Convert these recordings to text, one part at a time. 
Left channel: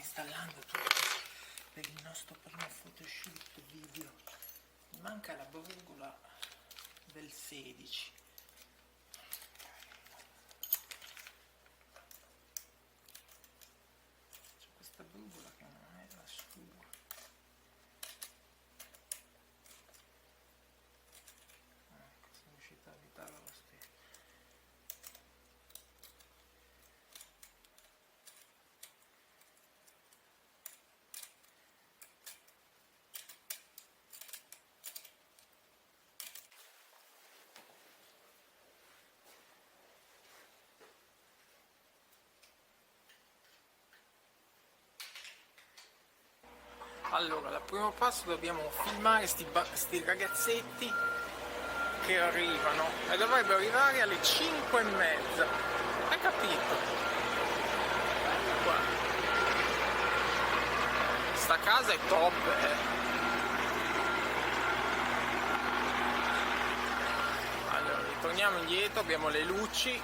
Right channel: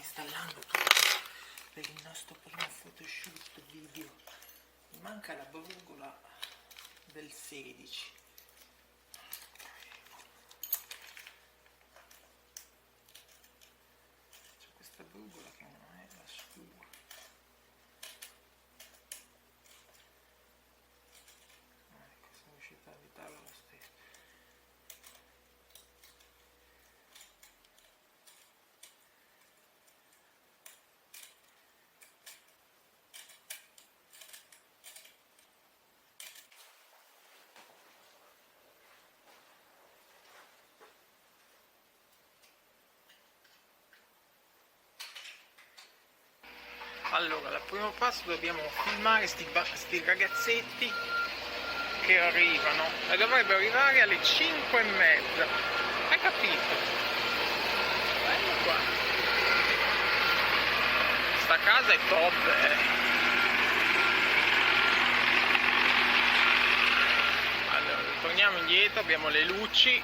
installando tutto per il nostro primo photoshoot video. Mi manca la brugola del 16. C'è questa brugola che non è la sua. Ecco, sono riuscita a butarla lo stesso. Allora, al primo passo dobbiamo filmare sti ragazzetti che arrivano e dovrebbero arrivare alle 5:30. Hai capito? Bello qua. Sta casa è top, Allora, torniamo indietro, abbiamo le luci,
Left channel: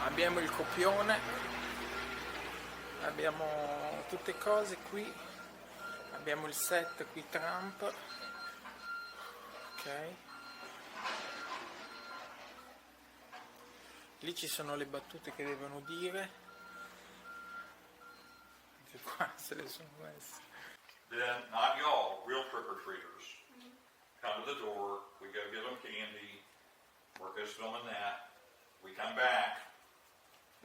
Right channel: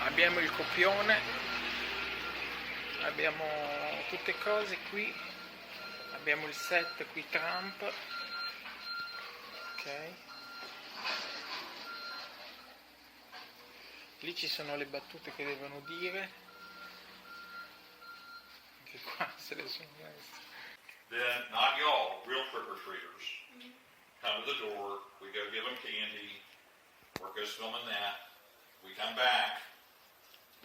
abbiamo il copione. Abbiamo tutte cose qui, abbiamo il set qui Trump, ok, lì ci sono le battute che devono dire, anche qua se le sono messe. Then, not y'all, real trick-or-treaters, come to the door, we go give them candy, work us filming that, we come back,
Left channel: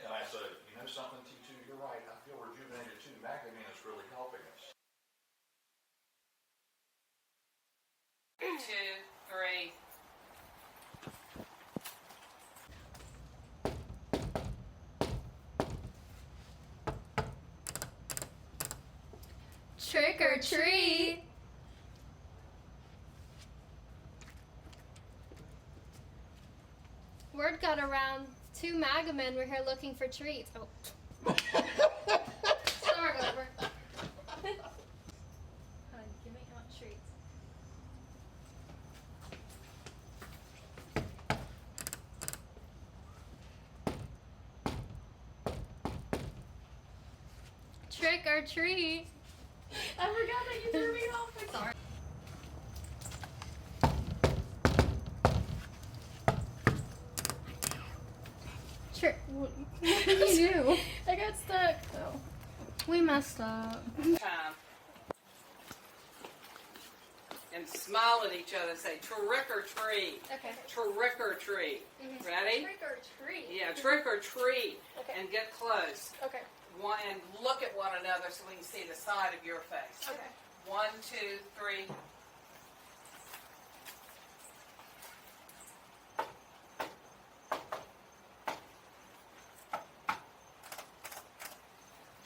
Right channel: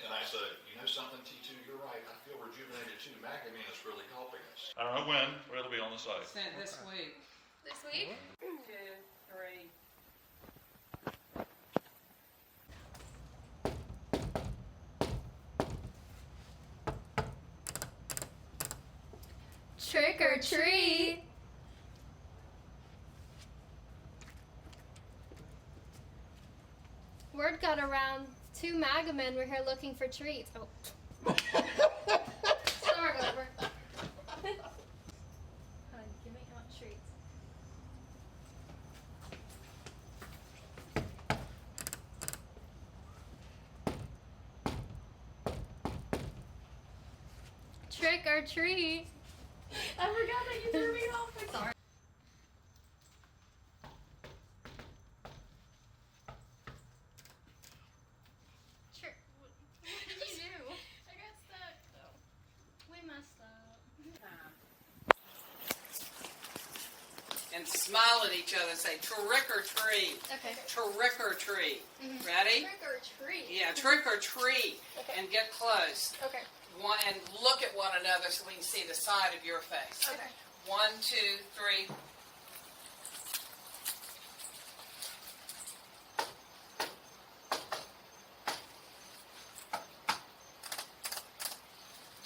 and I said, you know something, T2, you're right. I feel rejuvenated too. Macadamia is really helping us. I don't know when, but it'll be on the site. Sent this week. This week? 2, 3. Trick or treat! Word got around. 2 MAGA men were here looking for treats. Oh. Start over. Honey, give me out treats. Trick or treat. I forgot that you threw me off. I'm sorry. What did you do? I got stuck. Oh. We messed up. Time. And smile at each other and say trick or treat. Okay. Trick or treat. Ready? Trick or treat. Yeah, trick or treat. Okay. And get close. Okay. And look at one another so we can see the side of your face. Okay. 1, 2, 3.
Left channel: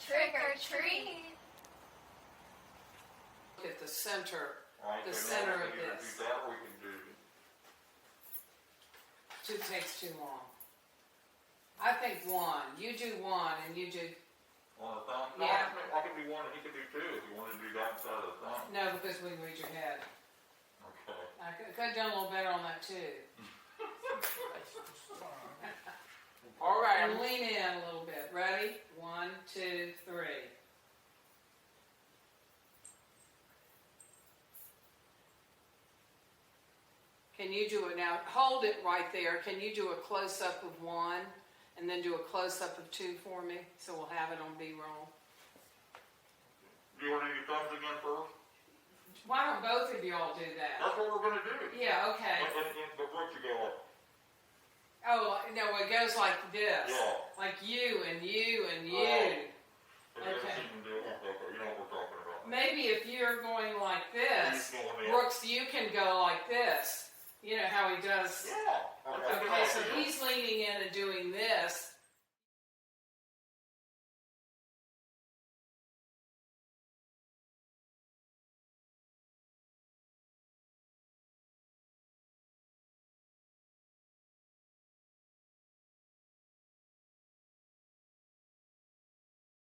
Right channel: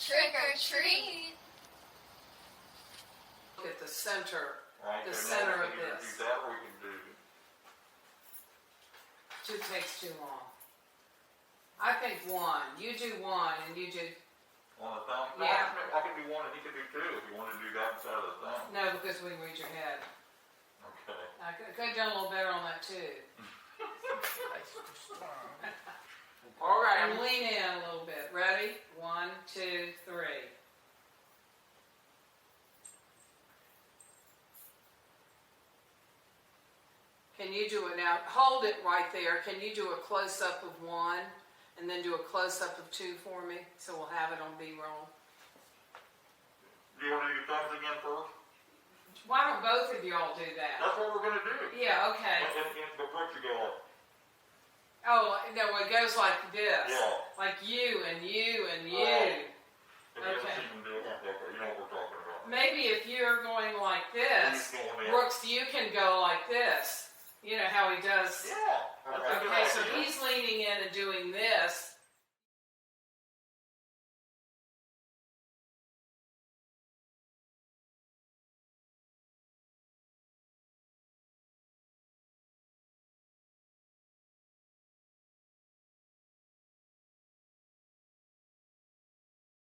Trick or treat. Look at the center. Right, The so center now of we can this. do that, or we can do. Two takes too long. I think 1. You do 1 and you do... On the thumb? Yeah. No, I can do 1 and you can do 2 if you want to do that inside of the thumb. No, because we can read your head. Okay. I could have done a little better on that too. All right, and lean in a little bit. Ready? 1, 2, 3. Can you do it now? Hold it right there. Can you do a close-up of 1 and then do a close-up of 2 for me? So we'll have it on B-roll. Do you want to do thumbs again first? Why don't both of y'all do that? That's what we're going to do. Yeah, okay. But first you go up. Oh, no, it goes like this. Yeah. Like you and you and you. Okay. Okay. You know what we're talking about. Maybe if you're going like this, He's going in. Brooks, you can go like this. You know how he does. Yeah. Okay, so he's leaning in and doing this,